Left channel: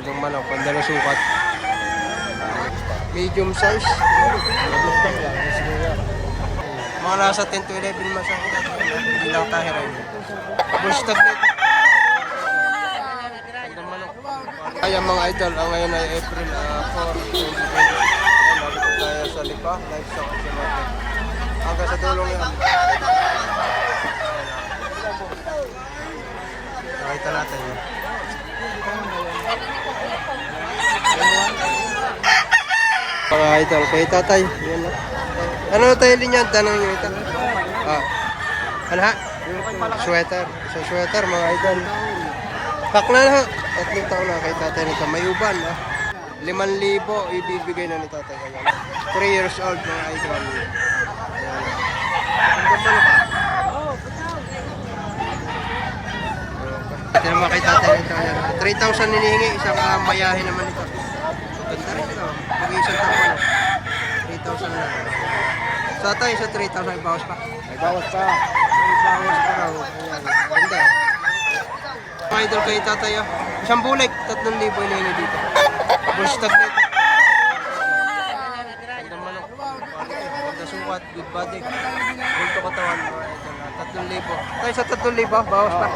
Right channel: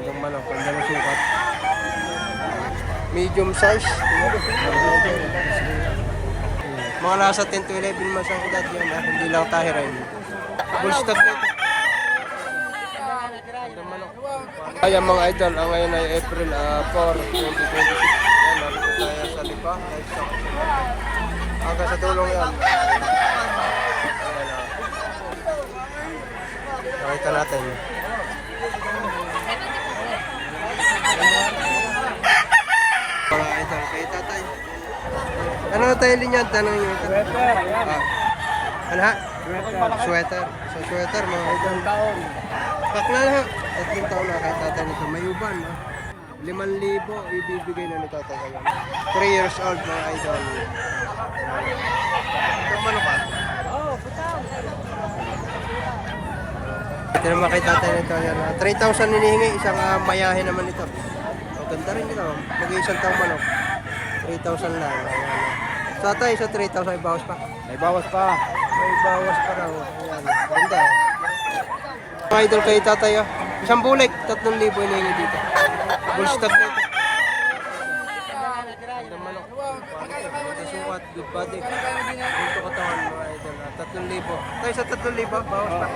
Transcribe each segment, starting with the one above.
Gandang manok, ganda na sukat. Medium size. Mga nasa 10 to 11 months ang edad yan, hindi lang tahirin. Full stag na ito. Gandang manok. Ayan mga idol, ang ngayon ay April 4, 2026. Ayan, narito tayo sa Lipa, Livestock Auction Market. Hanggang sa tulong yan. Nakita natin. Mga idol, kay tatay. Ano tayo linya? Tanong nyo ito. Ano ha? Sweater. Isang sweater mga idol. Kakla na ha. 3 taon na kay tatay nito. May uban ha. 5,000 ibibigay na ni tatay. 3 years old mga idol. Ayan. Ang ganda ka. Ito naman kay tatay nito. 3,000 hinihingi. Isang mayahe naman ito. Ganda rin nila. Mag-iisang taong manok. 3,000 lang. Sa tayo sa 3,000 may bawas pa. May bawas pa. May bawas pa raw. Ayan. Ganda. Mga idol kay tatay. Isang bulik. 3,000 hinihingi dito. Full stag na ito. Ganda manok. Quality. Ganda sukat. Good body. Bulto katawan mga idol. 3,000. Tayo sa 3,000. Bawas pa.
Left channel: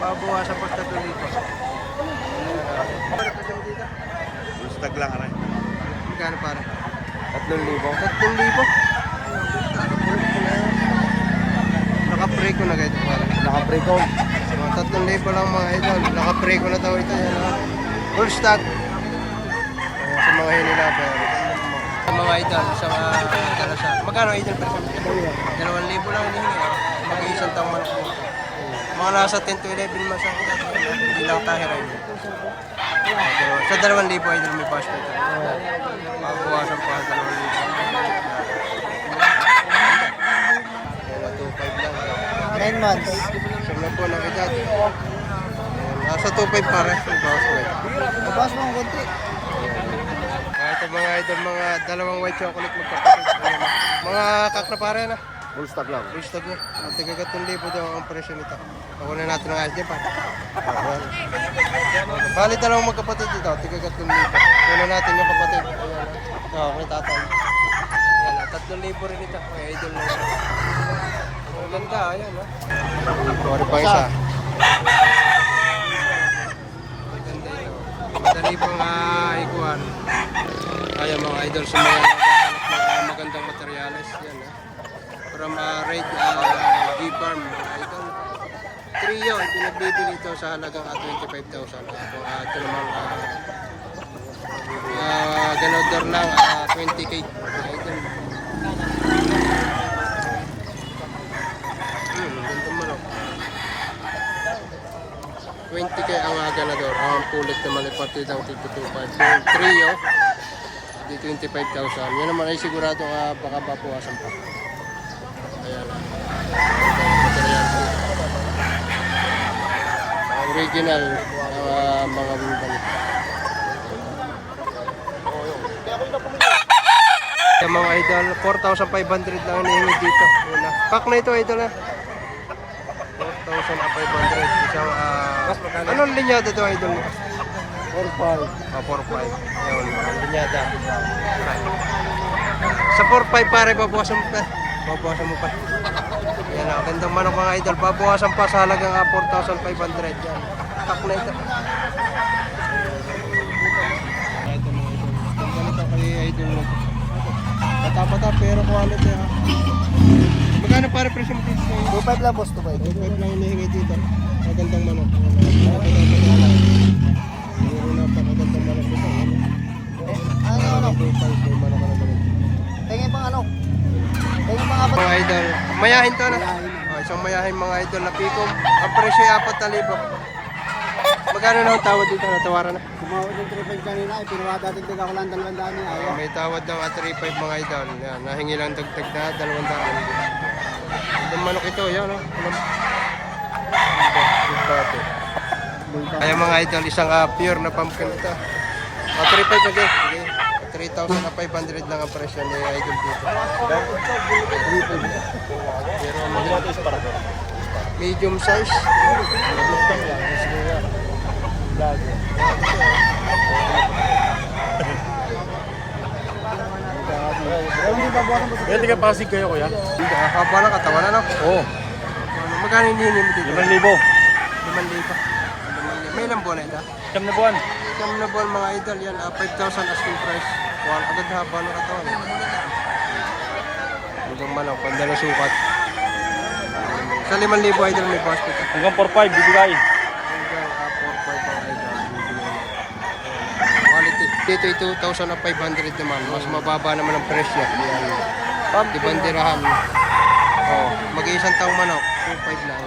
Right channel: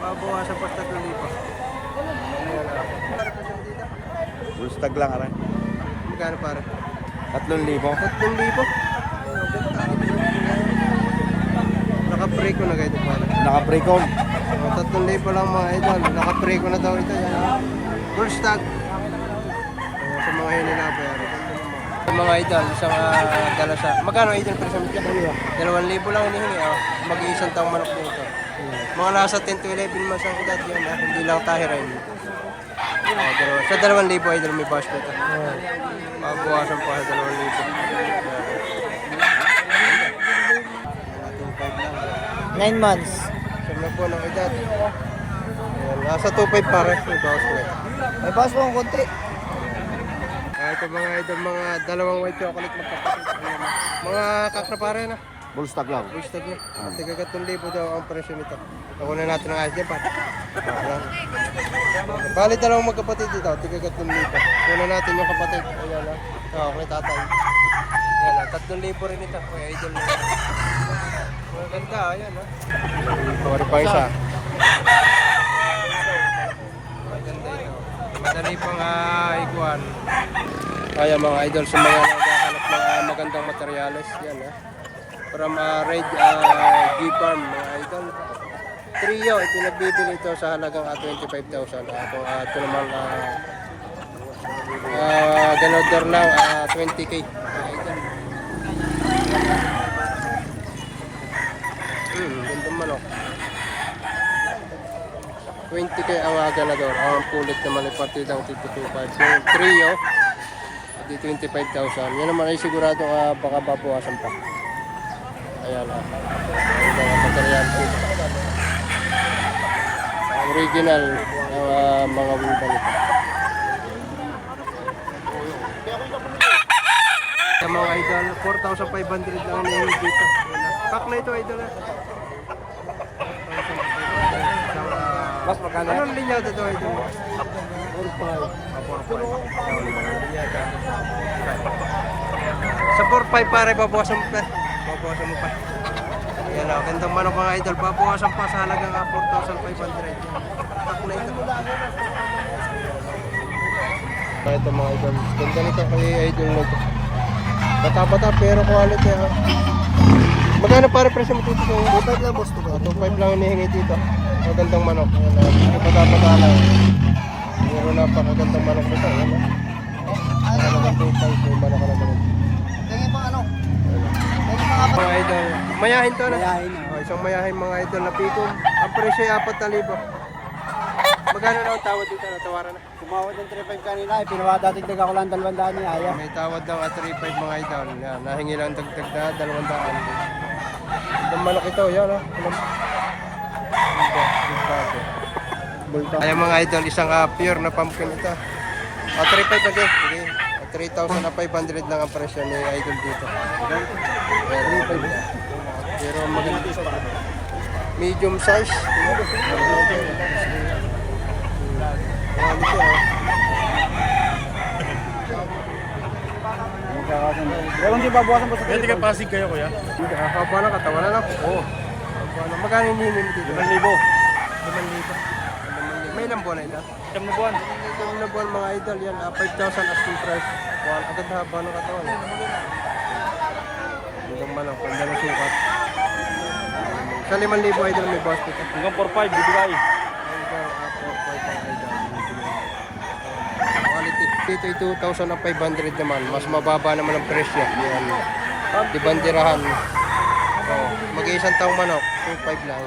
Babawasan pa sa 3,000. Ayan na. Pare pa siya dito. Stag lang aray. Magkano para? 3,000. 3,000? Ayun, ganda. Naka-pre ko na ganito para. Naka-pre ko. 3,000 lang mga idol. Naka-pre ko na daw ito. Yan ha. Full stag. Ayan, sa mga hinilabay. Sa mga idol, isang dala sa... Magkano idol per samit yan? 2,000 lang hinihingi. Mag-iisang taong manok dito. Mga nasa 10 to 11 months ang edad yan. Hindi lang tahirin. Sa 2,000 idol may bawas pa ito. Mabawasan pa sa 2,000. Yan na 2,500 lang. 9 months. Siyam na po ng edad. Ayan, nasa 2,500 pare. May bawas pa ito. May bawas pa ng konti. Ito mga idol, mga dalawang white chocolate magkapatid. Ayan, mga kakra pare na. Full stag lang. Full stag na. At tigagat 1,000 daw ang presyo nito. Nakunan natin ng ayos din pa. Bali dalawang magkapatid dito. Tigagat 1,000. Kunan natin yung kapatid. Ayan na. Okay, tatay. Ayan na. 3,000 rin ito. Kaya idol na ito. Maganda. Ayan na. Mawari pang isa. Maganda ito. Madali pang ikuan. Ayan mga idol sa mga naghahanap ng magandang materyales. Yan ha. From Red G-Farm mga idol. Trio, ipinagbibili ito sa halagang 25,000. Ito naman ganodor lang 20k mga idol. Gandang manok. 20k ang ganador. Ang pulit naman ay partidang 225. Yung trio, di 25,000. Yan naman ay sigurado baka babawasan pa. Ayan na. Ang material dito. Ang original ng mga wibang ito. Yung mga idol, 4,500 lang hinihingi dito. Kak na ito idol ha. 4,500. Isang, anong linyada ito idol? 4-5. 4,500. Ayan, ang linyada. Aray. Sa 4,500 pare, babawasan mo pa. Babawasan mo pa. Yan na, gandang manok mga idol. Babawasan pa sa halagang 4,500. Yan. Tak na ito. Ito mga idol. Ganda nito kay idol nito. Bata-bata pero quality ha. Magkano pare presyo mo dito? 2,500 lang boss. 2,500 lang hinihingi dito. Magandang manok. Bata-bata lang. Meron na pakagandang manok dito. Halagang 2,500. May manok ka na ganun. Tingin pang ano? Mga idol, mayahin to na. Isang mayahin mga idol na pikom. Ang presyo ay 4,000. Magkano na ang tawad dito? Natawaran na. Tumawag ng 3,500 kanina. Pinawadatigdag ako lang 200 niya. Ayaw. May tawad ng 3,500 mga idol. Yan, nahingi lang dagdag na 200. Ang manok ito, yan o. Ayan mga idol, isang pure na pumpkin ito. 3,500 again. Sige. 3,500 lang ang presyo ni idol dito. Pero maganda ito. Medium size. Quality oh. babawasan ko sa Pwede ka Pasig kayo, kuya? Hindi, haba ng katawan, ano? Oo. Haba ng... Magkano hinihingi mo dito? 5,000. 5,000. 5,000. May ilang buwan na ito? Siyam na buwan. Siyam na buwan mga idol, yan. 5,000 asking price. Kuha agad haba ng katawan. Hanggang manok, panda na sukat. Sa 5,000 idol may bawas dito. Hanggang 4,500 bibigay. Hanggang 4,500 mga idol. Quality. Dito ay 2,500 naman. Mas mababa naman ang presyo. Yan. Di bandirahan. Oh, mag-iisang taong manok. 2,500 lang.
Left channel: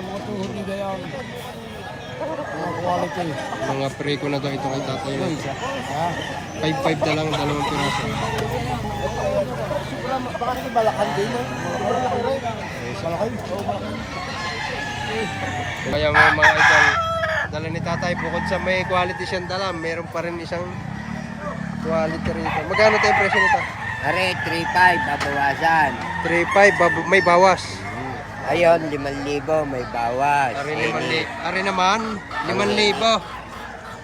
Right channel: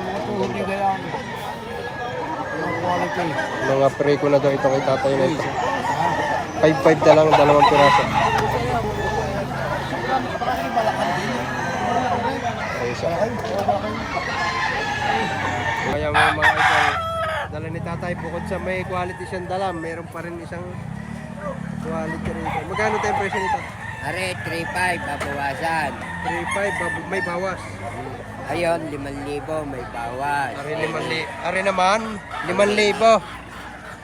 mga tuhod niya gayang. Quality. Mga pre ko na daw itong itatay na ito. 5,500 na lang, 2 piraso. Baka kasi balakan din. Balakan? Oo, balakan. Kaya mga idol, dala ni tatay, bukod sa may quality siyang dala, meron pa rin isang quality rito. Magkano tayo presyo nito? Are, 3,500 babawasan. 3,500, may bawas. Ayun, 5,000 may bawas. Ari naman, 5,000.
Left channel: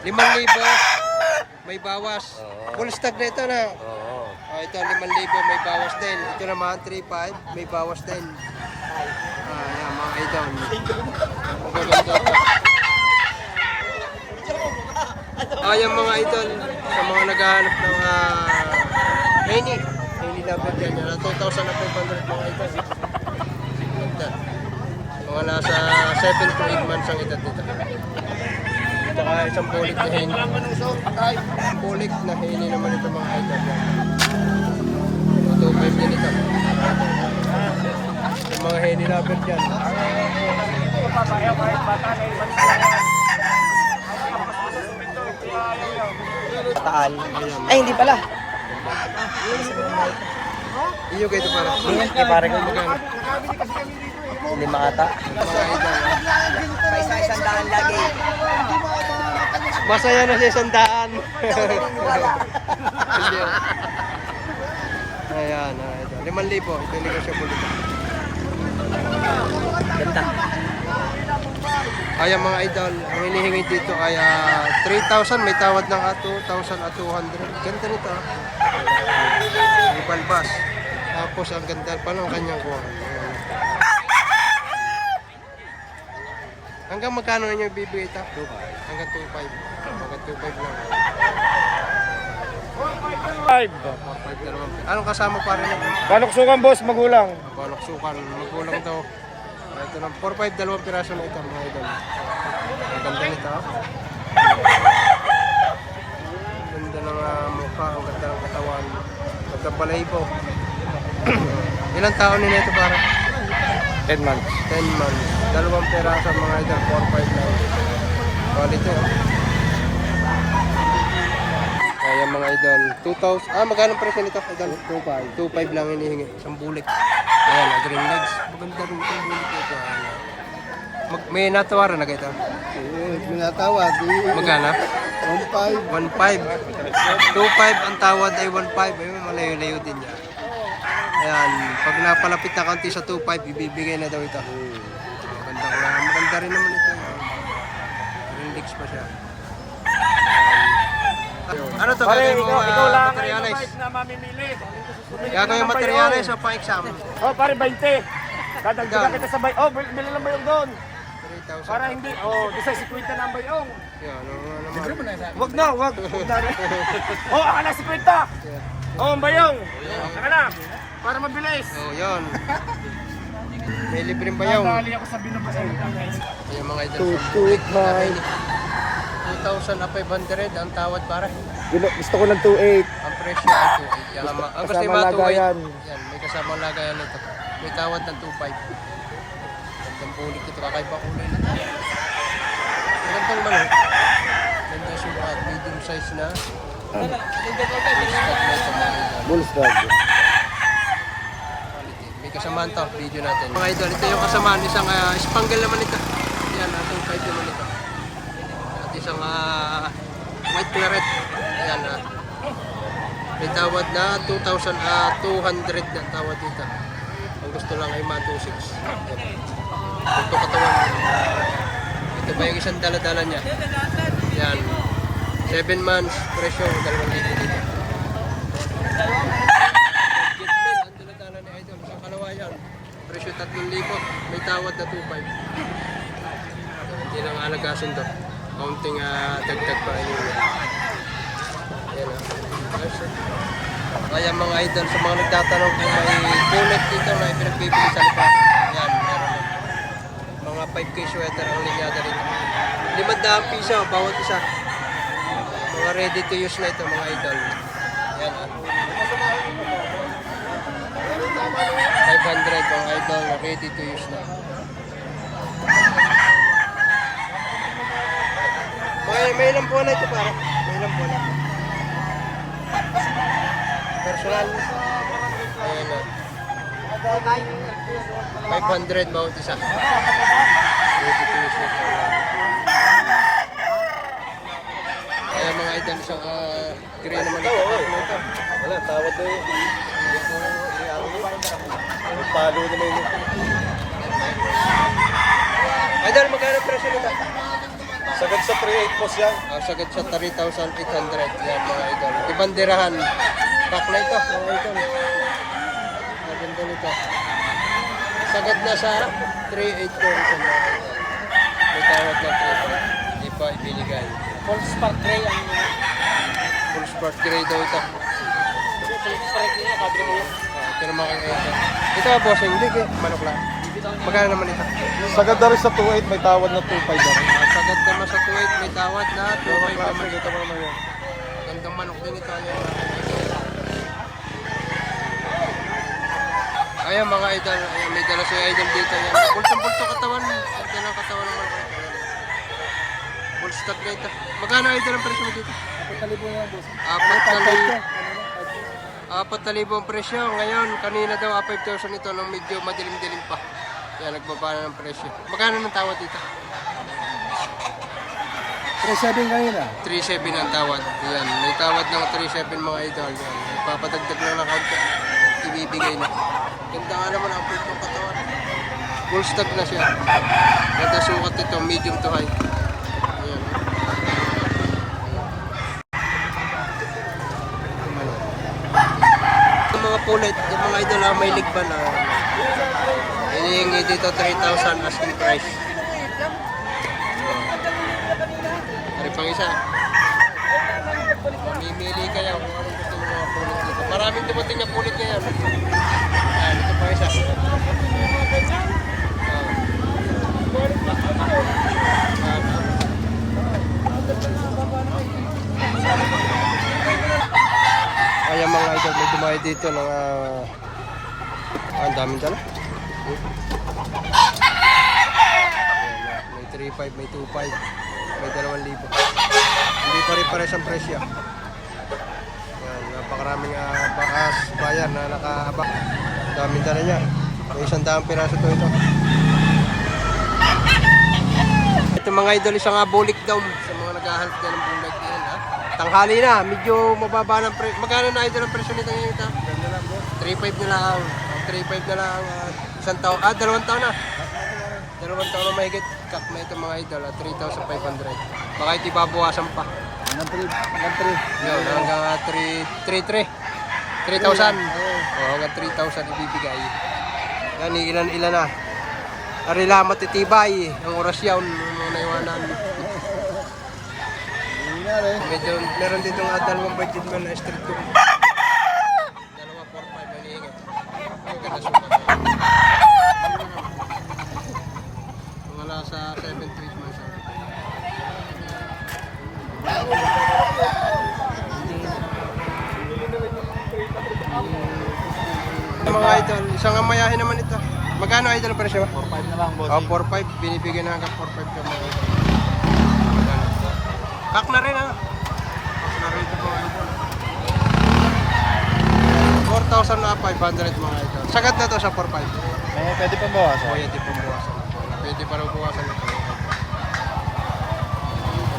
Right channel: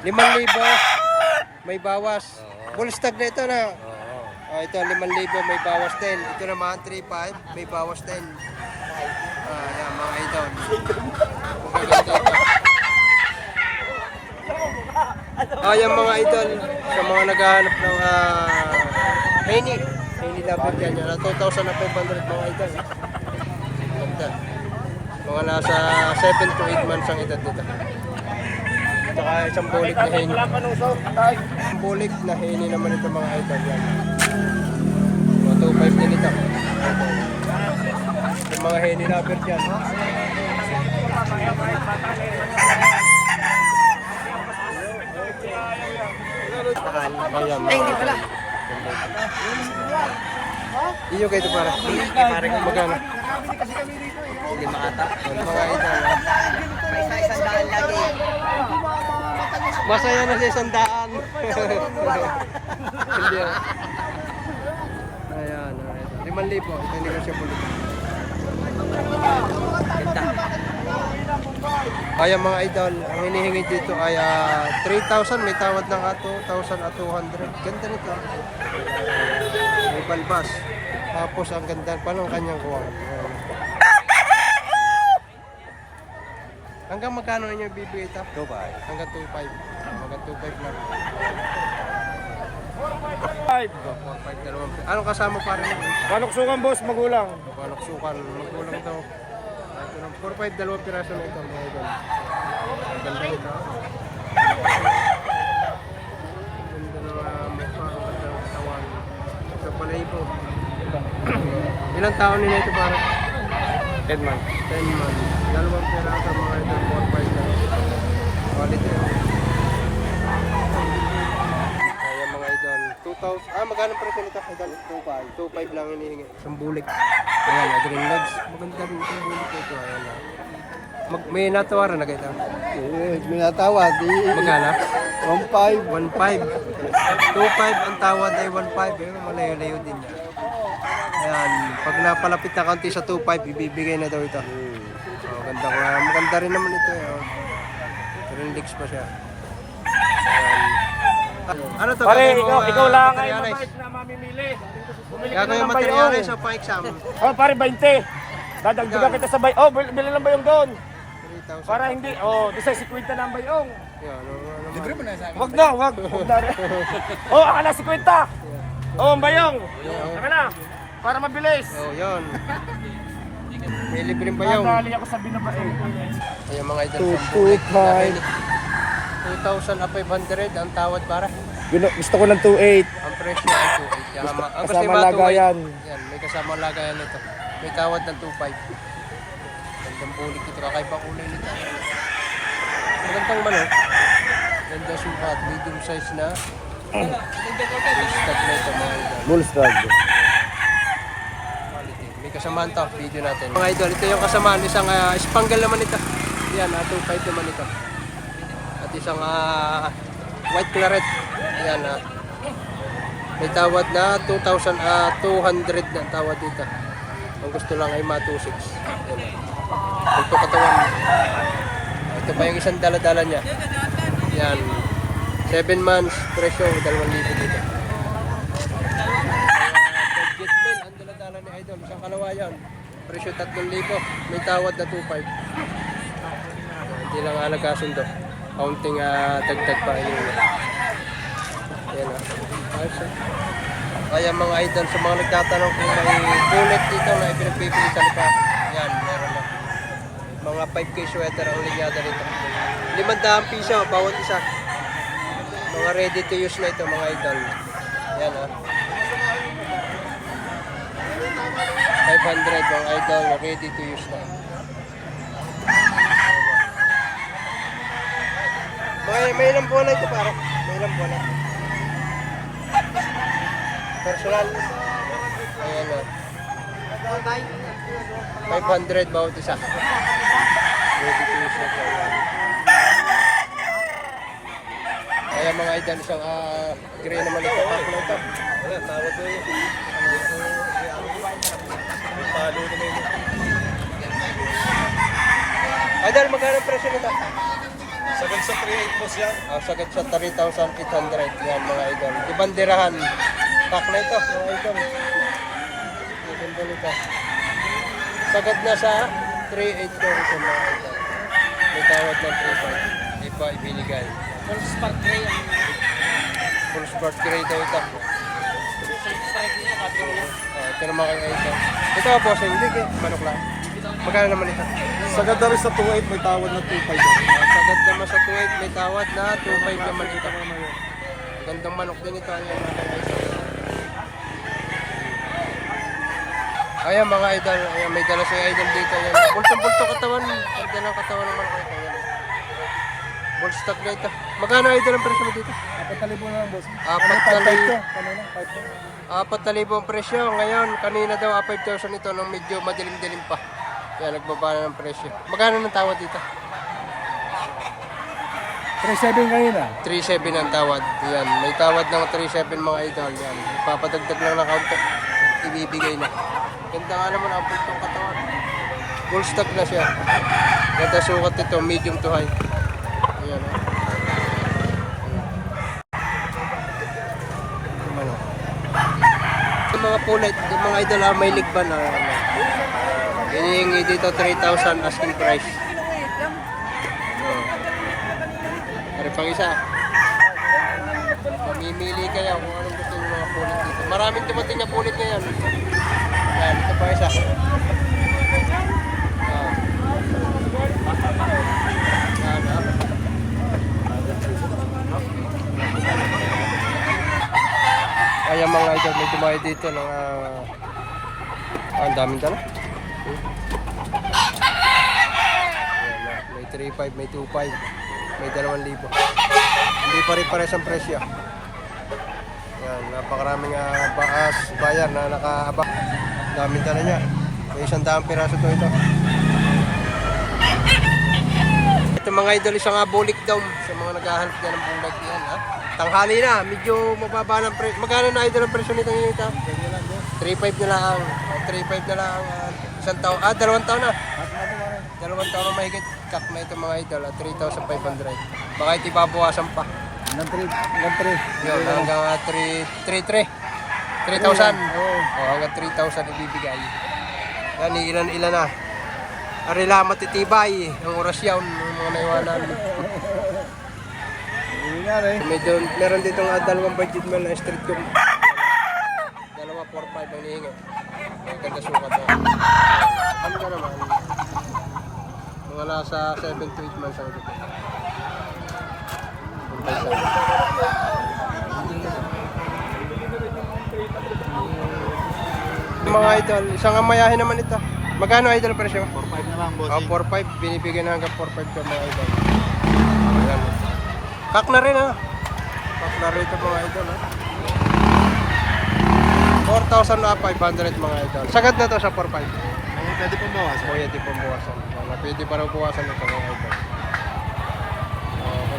5,000, may bawas. Full stock na ito na. Oh, ito 5,000, may bawas din. Ito naman 3,500, may bawas din. Yan mga idol. Magaganda ito. Yan mga idol, sa mga naghahanap ng Henny lover dyan, yan 2,500 mga idol. Ganda. Mga nasa 7 to 8 months ang edad nito. Baka isang bulik na Henny. Isang bulik na Henny naman ito mga idol. Yan. 2,500 din ito. Yung mga Henny lover dyan. Ay, hindi pala. Iyo kayo ito para. Pare ko Magkano? Hindi makata. Mga idol. Masaya na siya 100. Hindi. Ayan, ito. 5,000. Ito yung negotiable ito. Ayan mga idol, ang hinihingi dito ay 3,000, may tawad ng 2,200. Ganda nito. May balbas. Tapos ang ganda pa ng kanyang kuwan. Ayan. Hanggang magkano inyo bibigay ito? 2,500. Hanggang 2,500. Hanggang 2,500 lang. 5. 4,500 dalawang. Anong kasama pa rin ito? Panuksukan, boss, magulang. Panuksukan, magkulang daw. Ito lang, 4,500 dalawang piraso na ito mga idol. Ang ganda nito. Ang ganda ng mukha, ang ganda ng katawan. Pagkapalahibo. Ilang taon nila ito para? 10 months. 10 months. Dalawang piraso mga idol, 4,500 lang. Quality Kaya mga idol, 2,000. Magkano presyo nito idol? 2,500. 2,500 lang hinihingi. Isang bulik. Ayan green legs. Maganda rin itong bulik ito. Ayan may natawaran na ito. Minatawag. Magkano? 1,500. 1,500. 2,500 ang tawad ay 1,500. Ayun, malayo-layo din niya. Ayan, pag napalapit na kaunti sa 2,500, ibibigay na daw ito. Ganda nga. Maganda rin naman ito. Green legs pa siya. Ayan. Ano to? Gagawin mo materialize? Na mamimili. Gagawin yung materialize o pang-exam? Oh, pare 20. Dadagdagan kita sa bay. Oh, bili lang bayong doon. 3,000. Para hindi. Oh, bisa 50 na ang bayong. Yan, ano naman. Wag na, wag. Oh, akala 50. Oh, ang bayong. Akala. Para mabilis. Oh, yun. May libreng bayaw. Dali ako sa binabae. Ayan mga idol, sa bulik na rin. 2,500 ang tawad para. Gusto ko ng 2.8. Ang presyo ay 2,800. Yan, ang kasi Kasama lagayan. Yan, may kasama lagayan nito. May tawad ng 2,500. Gandang bulik ito, kakaiba kulay nito. Magandang manok. Ganda sukat, medium size na. Big na ito mga idol. Bullstrap. Quality. May kasamaan to, video natin. Mga idol, ito yung kasamaan. Isang spangle naman ito. Yan, 2,500 naman ito. At isang white claret. Yan, may tawad na 2,200 na tawad dito. Ang gusto lang ay ma-2,600. Yan. Ito katawan. Ito pa yung isang dala-dala niya. Yan. 7 months, presyo, 2,000 dito. Budget meal, ang dala-dala ni Idol. Isang kalawayan. Presyo 3,000. May tawad na 2,500. Hindi lang alagasundo. Kaunting dagdag pa ini. Ayan ayos. Kaya mga idol, sa mga nagtatanong kung may bullet dito na ipinagbibili sa lipa, yan, meron na. Mga 5K sweater ang linyada rito. 500 piso bawat isa. Mga ready to use na ito mga idol. Yan 500 mga idol na ready to use na. May ilang buwan na ito para? May ilang buwan na. Personal. Ayan na. 500 bawat isa. Ready to use na ito. Kaya mga idol, isang gray naman ito. Pack na ito. Wala, tawad na yun. Palo naman yun. Idol, magkano presyo nito? Sagad sa 3.8 boss yan. Sagad sa 3,800. Yan mga idol. Ibandirahan. Pack na ito mga idol. Maganda nito. Sagad na sa 3,800 ito mga idol. May tawad ng 3,500. Di pa ibinigay. Full spark gray ang... Full sport gray daw ito. Full spark gray ang kadro mo. Ito naman kay ito. Ito bossing. Hindi manok lang. Magkano naman ito? Sagad daw rin sa 2.8, may tawad na 2.5 daw. Sagad naman sa 2,800. May tawad na 2,500 naman ito. Gandang manok din ito. Ayan mga idol. Ayan mga idol, ayan, may dala sa idol dito. Ayan. Bultong-bulto katawan. Ganda ng katawan ng manok ito. Ayan. Bull stock na ito. Magkano idol ang presyo mo dito? 4,000 na lang boss. 4,000 ang presyo. Ngayon, kanina daw 5,000 ito nung medyo madilim-dilim pa. Yan, nagbaba na ng presyo. Magkano ng tawad dito? 3.7 ngayon 3,700 ang tawad. Yan, may tawad ng 3,700 mga idol. Yan, ipapadagdag lang ng kaunti. Ibibigay na. Ganda nga naman ang pultong katawan. Full stock na siya. Ganda sukat ito, medium to high. Ayan o. Yung mga pulit, yung mga idol may ligban na. Hinihingi dito 3,000 asking price. Ari pang isa. Mamimili kayo kung anong gusto ng mga pulit dito. Maraming dumating na pulit ngayon. Yan, ito pa isa. Ayan mga idol, may dumayo dito ng ang daming dala. Ayan, may 3,500, may 2,500, may 2,000. Hindi pa rin pares ang presyo. Ayan, napakaraming bayan na nakaaba. Daming dala niya. May 100 piraso ito. Ito mga idol, isang bulik daw sa mga naghahanap dyan ng bulik yan ha. Tanghali na, medyo mababa ng presyo. Magkano na idol ang presyo nito ngayon ito? 3,500 na lang. O, 3,500 na lang. Isang taon. 2 taon na. 2 taon na mahigit. Kak na ito mga idol. 3,500. Baka ito ibabawasan pa. Yun, hanggang 3,000. O, hanggang 3,000 ibibigay. Yan, ilan na. Arila matitibay. Ang orasyon. Ang mga naiwanan. Medyo, meron ditong dalawang budget meal na street cook. 2, 4, 5 ang hihingi. Ang ganda sukat na. Ano na naman? Mga nasa 7 to 8 months ang ito. Mga idol, isang amayahin naman ito. Magkano idol ang presyo? 4.5 na lang boss. 4,500. Binibigyan na hanggang 4,500 ka mga idol. Ayan. Kak na rin ha. Kak na rin ito mga idol ha. 4,500 mga idol. Sagad na to sa 4,500. Pwede pang bawas. Pwede pang buwasan. Pwede pa rin buwasan ito mga idol.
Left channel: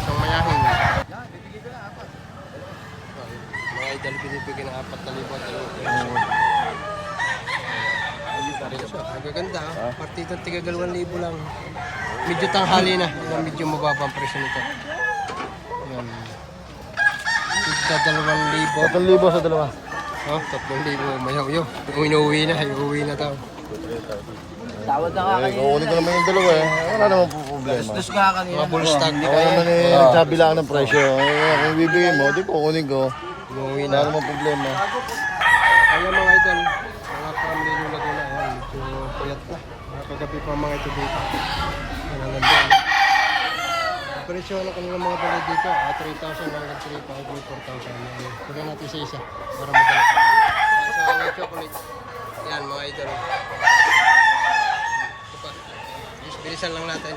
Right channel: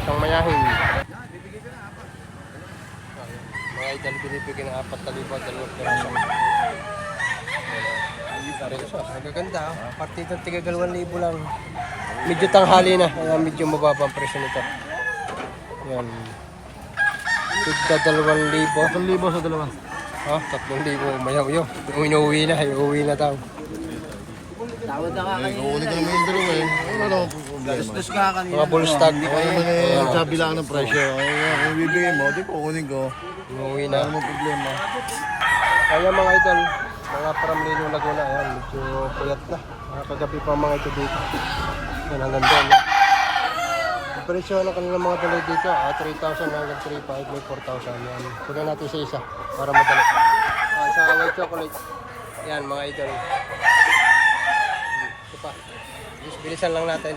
Itong mayahin. Mga idol binibigyan ng 4,000. Rin siya. Nagaganda ha. Partidong tiga 2,000 lang. medyo tanghali na. Kaya medyo mababa ang presyo nito. Yan. Tigda 2,000. 1,000 sa dalawa. Oh, 3,000. Mayaw-yaw. Inuwi na. Iuwi na tao. Tawad na nga kayo. Kukunin ko naman yung dalawa eh. Wala naman po problema. Gusto nga kanina. Mga bull stock. Sabi lang ng presyo. Kung bibigyan mo, di kukunin ko. Inuwi na. Wala naman problema. Kaya mga idol, mga Paramlino Laguna, ayan, medyo puyat na. Mga kagabi pa mga ito dito. Yan, hanggang doon. Ang presyo ng kanilang mga dala dito, 3,000 hanggang 3,500, may 4,000. Yan. Kunin natin sa isa para madala. Sa white chocolate. Yan mga idol. Ito pa. Bilisan lang natin.